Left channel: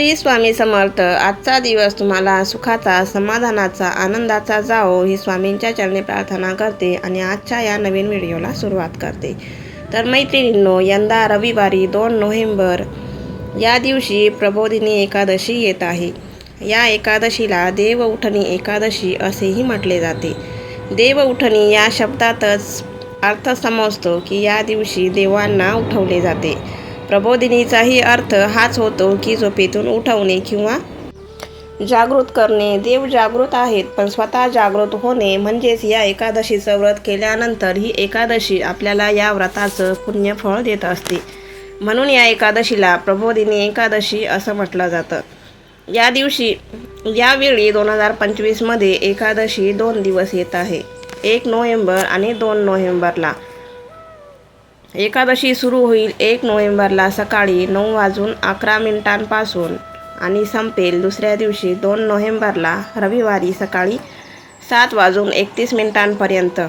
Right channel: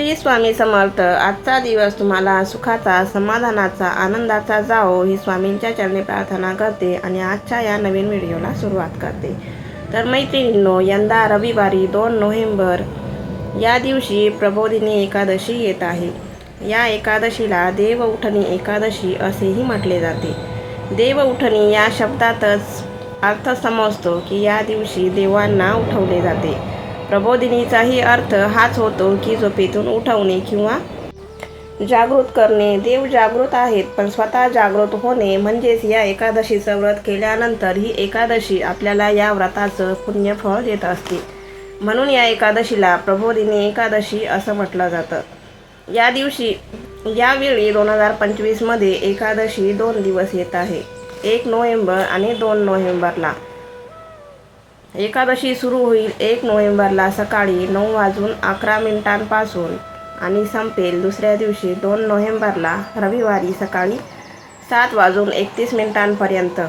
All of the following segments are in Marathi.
श्री स्वामी समर्थ. आजचा दिवस तुम्हाला सुखाचा समाधानाचा आनंदाचा जाओ ही स्वामींच्या चरणी प्रार्थना करते आणि आजच्या या नवीन व्हिडिओला सुरुवात करते. तर मैत्रिणींनो यंदा रविवारी दोन नोव्हेंबर या दिवशी प्रबोधिनी एकादशी येत आहे. या एकादशीला देव उठणी एकादशी असेही म्हटले जाते. देव उठणी या शब्दातच अर्थ समजतो की या दिवशी देवांना उठवले जाते. प्रबोधिनीचाही अर्थ हाच होतो की झोपेतून उठवणे किंवा जागृत करणे. देव जागृत आहेत पण स्वतः जागृत होणे म्हणजेच या एकादशीचं व्रत केल्यानंतर ही एकादशी आपल्याला या व्रताचं पुण्यफळ देत असते. म्हणून या एकादशीला प्रबोधिनी एकादशी असं म्हटलं जातं. या दिवशी यावेळी दोन हजार पंचवीसमध्ये एकादशी दोन दिवस येत आहे. एक नोव्हेंबर आणि दोन नोव्हेंबरला. एकादशी सुरू होईल एक नोव्हेंबरला सकाळी नऊ वाजून अकरा मिनिटांपासून आणि संपेल दुसऱ्या दिवशी दोन नोव्हेंबरला रविवारी सकाळी सात वाजून एकतीस मिनिटांपर्यंत.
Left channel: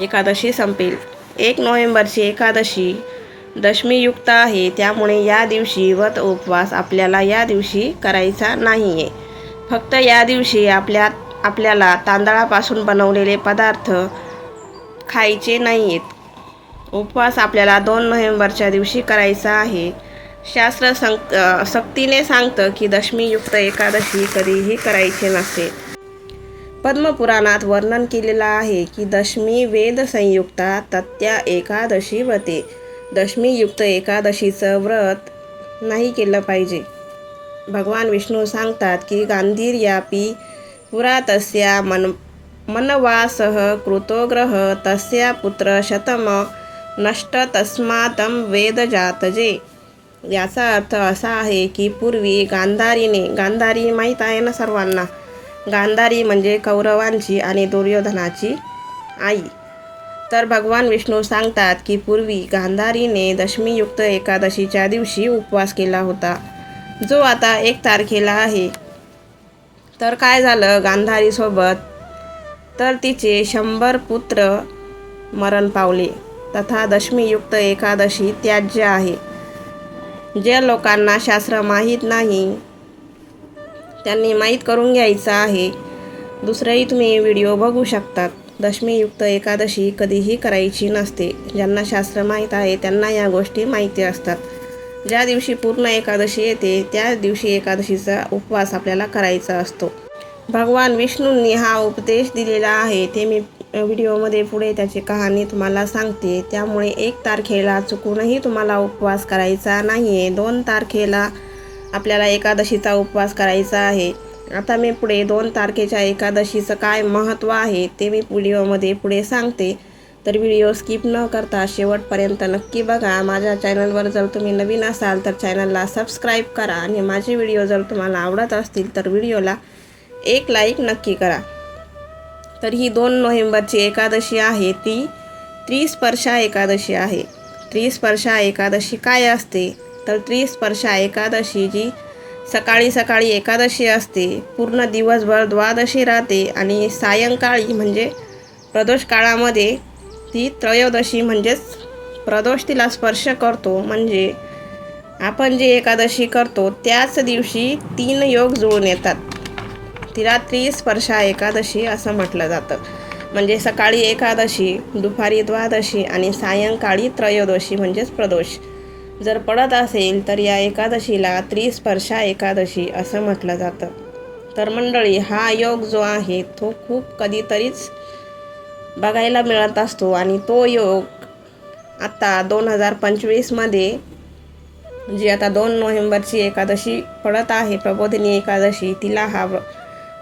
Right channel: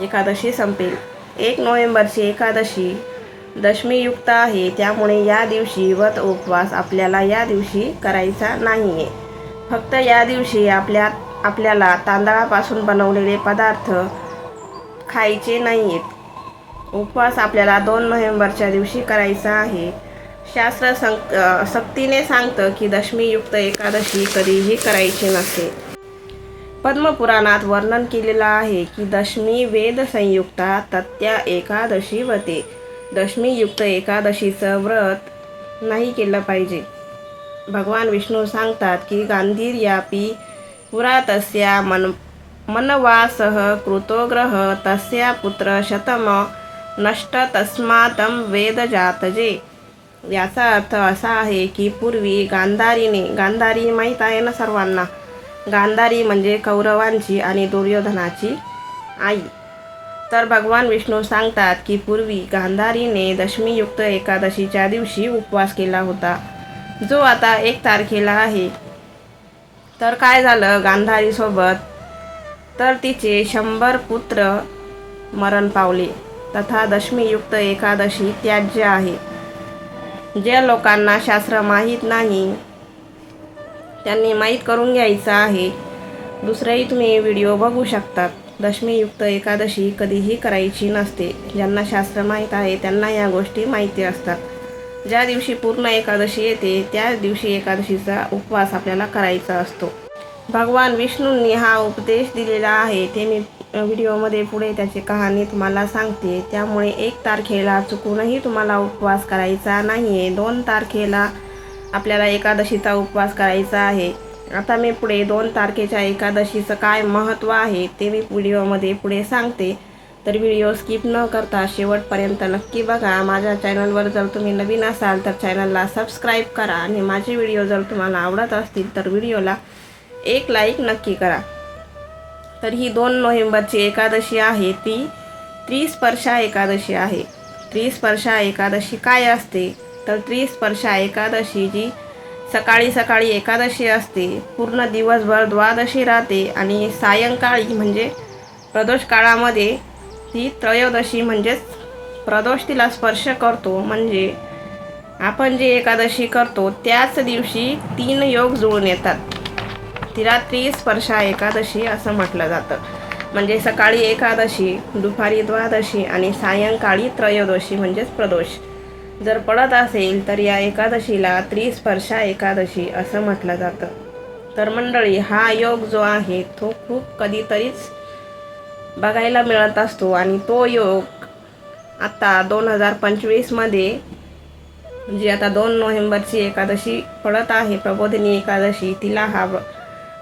एकादशी संपेल. एक नोव्हेंबरची एकादशी दशमीयुक्त आहे त्यामुळे या दिवशी व्रत उपवास आपल्याला या दिवशी करायचा नाही आहे फक्त या दिवशी आपल्या आपल्याला तांदळापासून बनवलेले पदार्थ खायचे नाही आहेत उपवास आपल्याला दोन नोव्हेंबरच्या दिवशी करायचा आहे. शास्त्र संक सक्तीने सांगतं की दशमीयुक्त एकादशी कधीही करायची नसते पद्मपुराणात वर्णन केलेलं आहे की दशमी वेद संयुक्ता तत्या एकादशी व्रते. दशमीयुक्त एकादशीचं व्रत नाही केलं पाहिजे. भगवान विष्णू सांगतात की गांधीर्यापी पुरा तस्या मन मनवासह कृतोग्रह तस्या पुत्र शतम नष्ट तस्मातम वेद जातजे याचा अर्थ असा आहे की पूर्वी गांधारीने गांधारी माहीत आहे ना सर्वांना? गांधारी म्हणजे कौरवांची आणि दुर्योधनाची आई. तर भगवान विष्णू सांगतात की पूर्वी गांधारीने दशमीयुक्त एकादशीच्या दिवशी उपवास केला होता. जो आता एक तारखेला आहे. तर काय झालं गांधारीसोबत? तर तिचे शंभर पुत्र मरण पावले. तथा दशमीयुक्त एकादशी त्याज्य आहे. ज्या लोकांना शास्त्र माहीत नाही त्यांनी माहीत करून घ्यायचं आहे. दुसरंही तुम्ही व्हिडिओ बघू शकतात. दशमीयुक्त एकादशी कधीही करायची नसते. ज्यांना शास्त्र माहीत आहे त्यांना या गोष्टी माहिती असतात. ज्या दिवशी पूर्ण एकादशी येते त्या दिवशी एकादशीचा उपवास आपल्याला करायचा असतो. भगवान विष्णूंनी हा उपदेश दिलेला आहे ते मी व्हिडिओमध्ये पुढे त्याची कहाणी तुम्हाला सांगते. त्यामुळे एक तारखेला चुकूनही तुम्हाला उपवास करायचा नाही आहे दोन तारखेला आपल्याला एकादशीचा उपवास करायचा आहे. आता मी पुढे दोन तारखेच्या एकादशीचं काय महत्त्व आहे ते मी व्हिडिओमध्ये पुढे सांगते. तर व्हिडिओ स्किप न करता शेवटपर्यंत नक्की बघा. माझ्या चॅनलवर जर तुम्ही नवीन असाल तर चॅनलला सबस्क्राईब करा आणि माझे व्हिडिओ जर तुम्हाला आवडत असतील तर व्हिडिओला एक लाईक नक्की करा. तर ही दोन नोव्हेंबरची एकादशी आहे. ती त्रिस्पर्शा एकादशी आहे. त्रिस्पर्शा एकादशी काय असते? तर त्रिस्पर्शा एकादशी जी सकाळी सकाळी एकादशी असते. पूर्ण दिवसभर द्वादशी राहते आणि सायंकाळी म्हणजे प्रदोष काळामध्ये ती त्रयोदशी म्हणजेच प्रदोष तिला स्पर्श करतो. म्हणजे आपण जे एकादशी करतो त्याच दिवशी तीन योग जुळून येतात. तिला त्रिस्पर्शा एकादशी असं म्हटलं जातं. म्हणजे सकाळी एकादशी दुपारी द्वादशी आणि सायंकाळी त्रयोदशी म्हणजेच प्रदोष. जर पडत असेल तर या एकादशीला त्रिस्पर्शा एकादशी असं म्हटलं जातं. तर मंडळी हा योग जो आहे तो खूप कधीतरीच बघायला मिळत असतो आणि तो योग आत्ता दोन हजार पंचवीसमध्ये जी आता दोन नोव्हेंबरची एकादशी पडत आहे प्रबोधिनी एकादशी तिला हा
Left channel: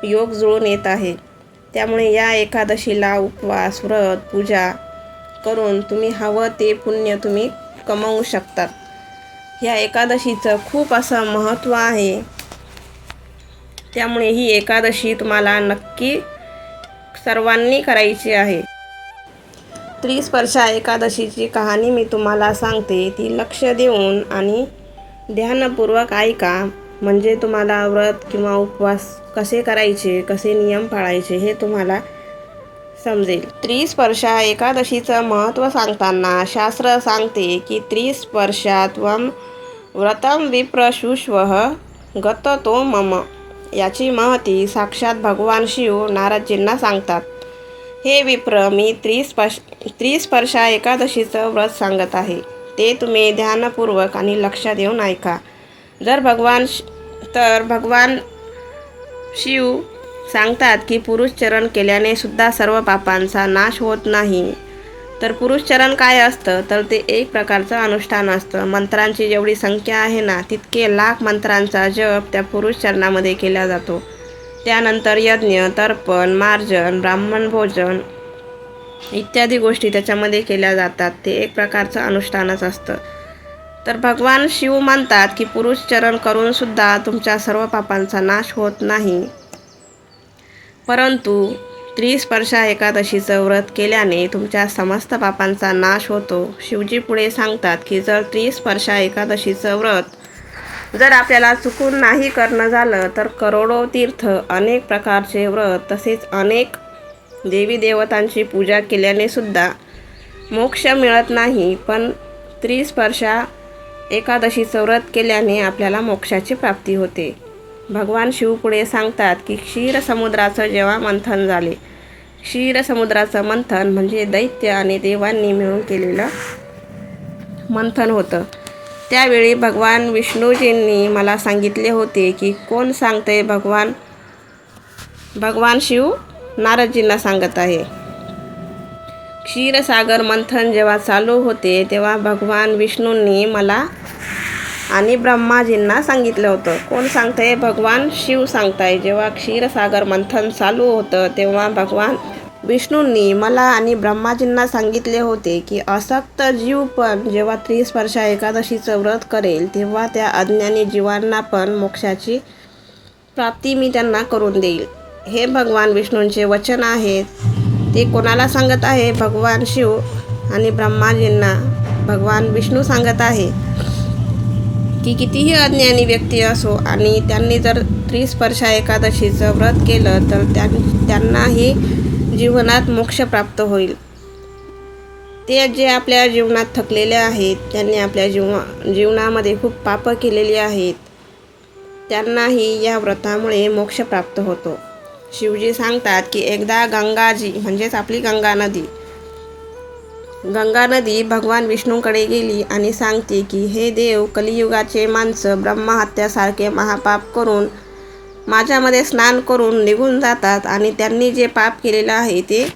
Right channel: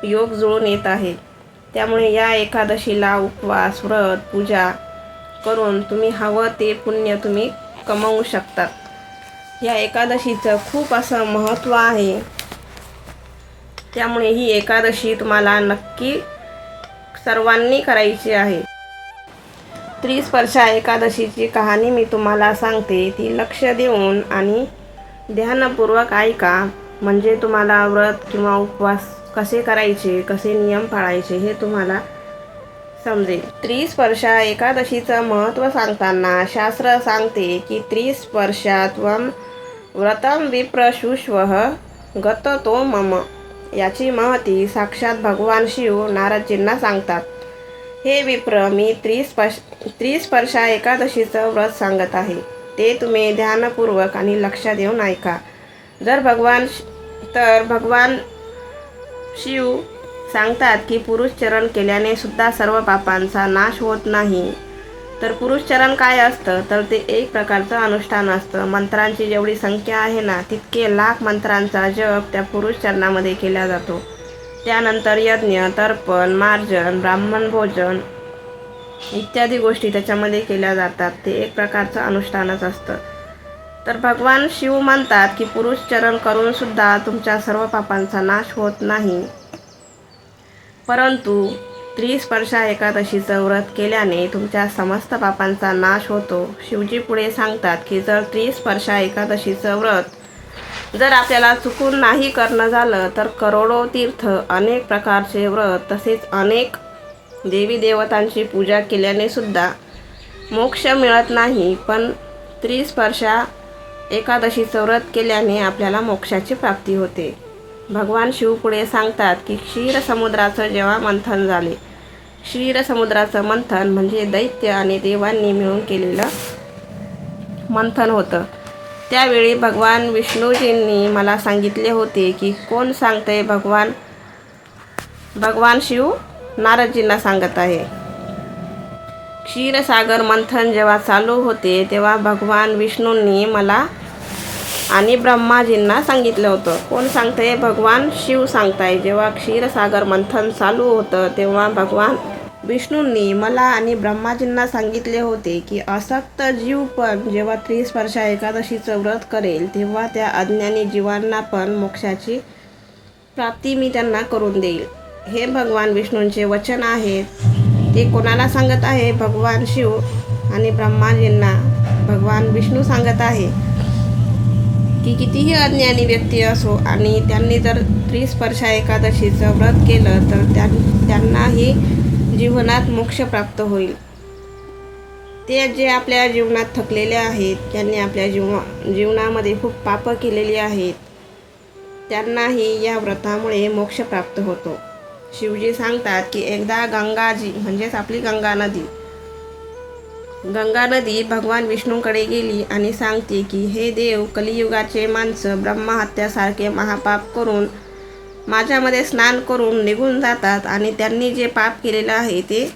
योग जुळून येत आहे. त्यामुळे या एकादशीला उपवास व्रत पूजा करून तुम्ही हवं ते पुण्य तुम्ही कमवू शकतात या एकादशीचं खूप असं महत्त्व आहे. त्यामुळे ही एकादशी तुम्हाला नक्की सर्वांनी करायची आहे. त्रिस्पर्शा एकादशीची कहाणी मी तुम्हाला सांगते. ती लक्ष देऊन आणि ध्यानपूर्वक ऐका. म्हणजे तुम्हाला व्रत किंवा उपवास कसे करायचे कसे नियम पाळायचे हे तुम्हाला समजेल. त्रिस्पर्शा एकादशीचं महत्त्व सांगताना शास्त्र सांगते की त्रिस्पर्शात्वम व्रतम विप्रशुष्व तो मम. याची महती साक्षात भगवान शिव नारदजींना सांगतात. हे विप्र मी त्रिस्पर्श त्रिस्पर्शा एकादशीचं व्रत सांगत आहे. ते तुम्ही ध्यानपूर्वक आणि लक्ष देऊन ऐका. जर भगवान श- तर भगवान शिव सांगतात की पुरुष चरण केल्याने सुद्धा सर्व पापांचा नाश होत नाही. तर पुरुष चरण काय असतं? तर ते एक प्रकारचं अनुष्ठान असतं. मंत्रांची जेवढी संख्या आहे ना तितके लाख मंत्रांचा जप त्या पुरुष चरणामध्ये केला जातो. त्यानंतर यज्ञ तर्पण मार्जन ब्राह्मण भोजन इत्यादी गोष्टी त्याच्यामध्ये केल्या जातात. ते एक प्रकारचं अनुष्ठानच असतं. तर भगवान शिव म्हणतात की पुरुष चरण करून सुद्धा तुमच्या सर्व पापांचा नाश होत नाही. परंतु त्रिस्पर्शा एकादशीचं व्रत केल्याने तुमच्या समस्त पापांचा नाश होतो. शिवजी पुढे सांगतात की जर त्रिस्पर्शा एकादशीचं व्रत जर आपल्याला चुकून नाही करणं झालं तर करोडो तीर्थ अनेक प्रकारचे व्रत तसेच अनेक देवी देवतांची पूजा केल्याने सुद्धा मोक्ष मिळत नाही. पण त्रिस्पर्शा एकादशीचं व्रत केल्याने आपल्याला मोक्षाची प्राप्ती होते. भगवान शिव पुढे सांगतात की क्षीरसमुद्राचं जेव्हा मंथन झाले. क्षीरसमुद्राचं मंथन म्हणजे दैत्य आणि देवांनी मिळून केलेलं मंथन होतं. त्यावेळी भगवान विष्णूजींनी मला सांगितले होते की कोण सांगतंय भगवान? भगवान शिव नारदजींना सांगत आहे. क्षीरसागर मंथन जेव्हा चालू होते तेव्हा भगवान विष्णूंनी मला आणि ब्रह्माजींना सांगितलं होतं. कोण सांगतंय? भगवान शिव सांगताय. जेव्हा क्षीरसागर मंथन चालू होतं तेव्हा भगवान विष्णूंनी मला आणि ब्रह्माजींना सांगितले होते की असक्त जीव पण जेव्हा त्रिस्पर्शा एकादशीचं व्रत करेल तेव्हा त्या अज्ञानी जीवांना पण मोक्षाची प्राप्ती मी त्यांना करून देईल. हे भगवान विष्णूंचे वचन आहे. ते कोणाला सांगत आहे? भगवान शिव आणि ब्रह्माजींना भगवान विष्णू सांगत आहे. की कितीही अज्ञानी व्यक्ती असो आणि त्यांनी जर त्रिस्पर्शा एकादशीचं व्रत केलं तर त्यां त्यांनाही जीवनात मोक्ष प्राप्त होईल. ते जे आपल्या जीवनात थकलेले आहेत त्यांनी आपल्या जीव जीवनामध्ये खूप पापं केलेली आहेत त्यांनाही या व्रतामुळे मोक्ष प्राप्त होतो. शिवजी सांगतात की एकदा गंगाजी म्हणजेच आपली गंगा नदी गंगा नदी भगवान विष्णूकडे गेली आणि सांगते की हे देव कलियुगाचे माणसं ब्रह्महत्यासारखे महापाप करून माझ्यामध्ये स्नान करून निघून जातात आणि त्यांनी जे पाप केलेलं आहे ते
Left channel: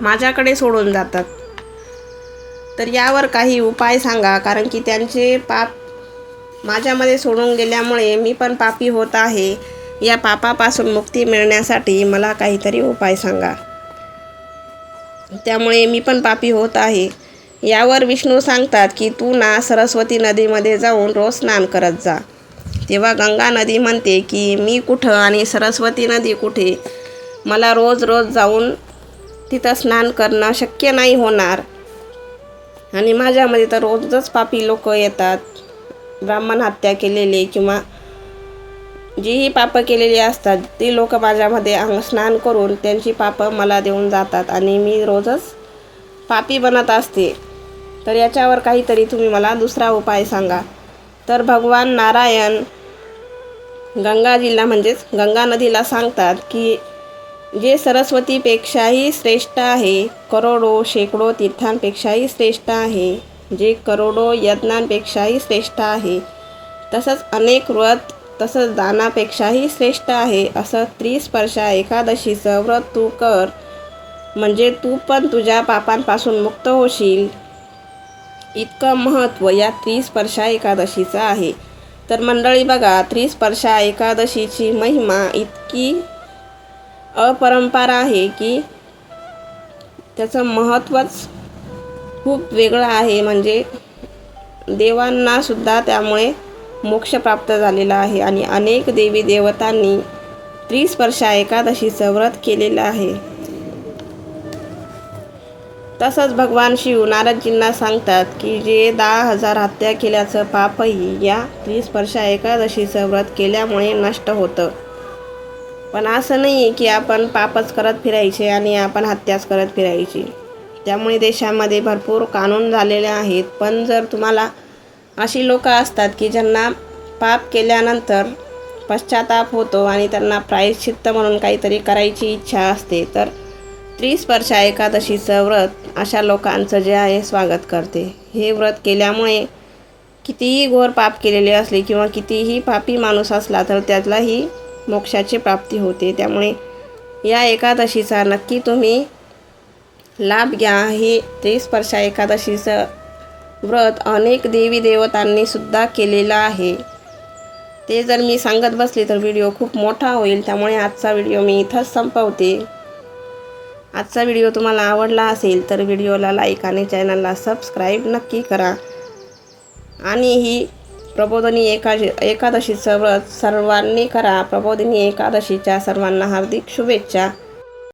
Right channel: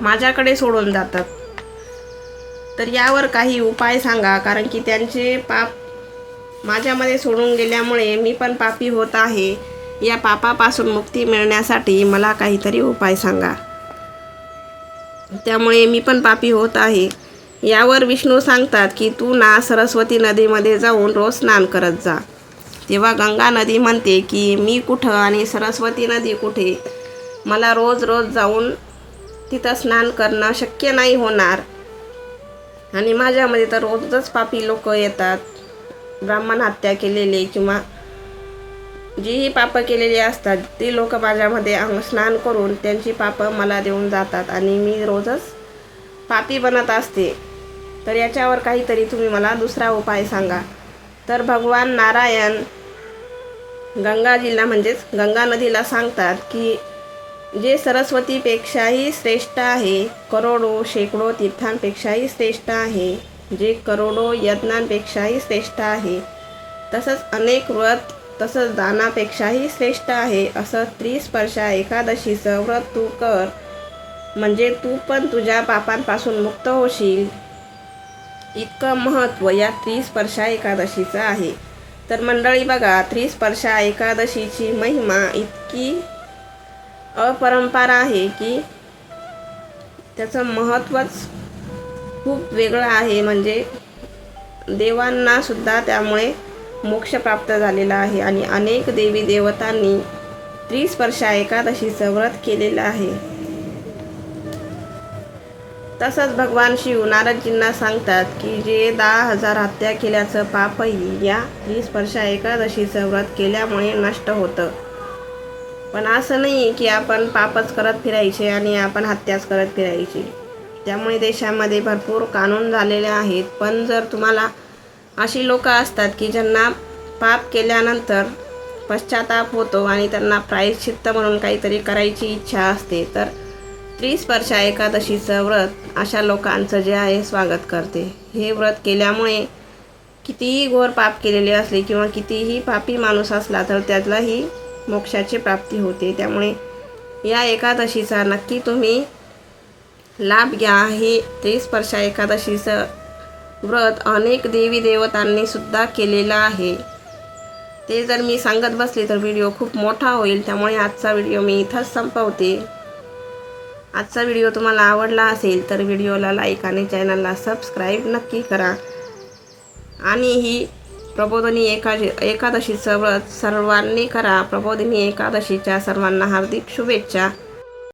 माझ्याकडे सोडून जातात. तर यावर काही उपाय सांगा कारण की त्यांचे पाप माझ्यामध्ये सोडून गेल्यामुळे मी पण पापी होत आहे. या पापापासून मुक्ती मिळण्यासाठी मला काहीतरी उपाय सांगा. त्यामुळे मी पण पापी होत आहे. यावर विष्णू सांगतात की तू ना सरस्वती नदीमध्ये जाऊन रोज स्नान करत जा. तेव्हा गंगा नदी म्हणते की मी कुठं आणि सरस्वती नदी कुठे? मला रोज रोज जाऊन तिथं स्नान करणं शक्य नाही होणार. आणि माझ्यामध्ये तर रोजच पापी लोक येतात. ब्राह्मण हत्या केलेले किंवा जीही पापं केलेली असतात ती लोक माझ्यामध्ये अंग स्नान करून त्यांची पापं मला देऊन जातात आणि मी रोजच पापी बनत असते. तर याच्यावर काहीतरी तुम्ही मला दुसरा उपाय सांगा. तर भगवान नारायण गंगाजीला म्हणजेच गंगा नदीला सांगतात की जे सरस्वतीपेक्षाही श्रेष्ठ आहे करोडो शेकडो तीर्थांपेक्षाही श्रेष्ठ आहे जे करोडो यज्ञांपेक्षाही श्रेष्ठ आहे तसंच अनेक व्रत तसंच दानापेक्षाही श्रेष्ठ आहे. असं त्रिस्पर्शा एकादशीचं व्रत तू कर. म्हणजे तू पण तुझ्या पापांपासून मुक्त होशील. इतकं महत्त्व या त्रिस्पर्शा एकादशीचं आहे. तर मंडळी बघा त्रिस्पर्शा एकादशीची महिमा इतकी अपरंपार आहे की त्याचं महत्त्वच खूप वेगळं आहे. म्हणजे देवांनासुद्धा त्यामुळे मोक्ष प्राप्त झालेला आहे आणि अनेक देवी देवतांनी त्रिस्पर्शा एकादशीचं व्रत केलेलं आहे. तसंच भगवान शिव नारदजींना सांगतात की जे दहा हजार हत्या केल्याचं पापही या त्रिस्पर्शा एकादशीचं व्रत केल्यामुळे नष्ट होतं. पण असं नाही आहे की आपण पापच करत फिरायचे आणि आपण हत्याच करत फिरायची. त्यामुळे देशामध्ये भरपूर कानून झालेले आहेत. पण जर तुम्हाला अशी लोकं असतात की ज्यांना पाप केल्यानंतर पश्चाताप होतो आणि त्यांना प्रायश्चित्त म्हणून काहीतरी करायची इच्छा असते. तर त्रिस्पर्शा एकादशीचं व्रत अशा लोकांचं जे आहे स्वागत करते. हे व्रत केल्यामुळे कितीही घोर पाप केलेले असले किंवा कितीही पापी माणूस असला तर त्यालाही मोक्षाची प्राप्ती होते. त्यामुळे या एकादशीचा नक्की तुम्ही लाभ घ्या. हे त्रिस्पर्शा एकादशीचं व्रत अनेक देवी देवतांनी सुद्धा केलेला आहे. ते जर मी सांगत बसले तर व्हिडिओ खूप मोठा होईल. त्यामुळे आजचा व्हिडिओ मी इथंच संपवते. आजचा व्हिडिओ तुम्हाला आवडला असेल तर व्हिडिओला लाईक आणि चॅनलला सबस्क्राईब नक्की करा. आणि ही प्रबोधिनी एकादशी एकादशीचं व्रत सर्वांनी करा. प्रबोधिनी एकादशीच्या सर्वांना हार्दिक शुभेच्छा.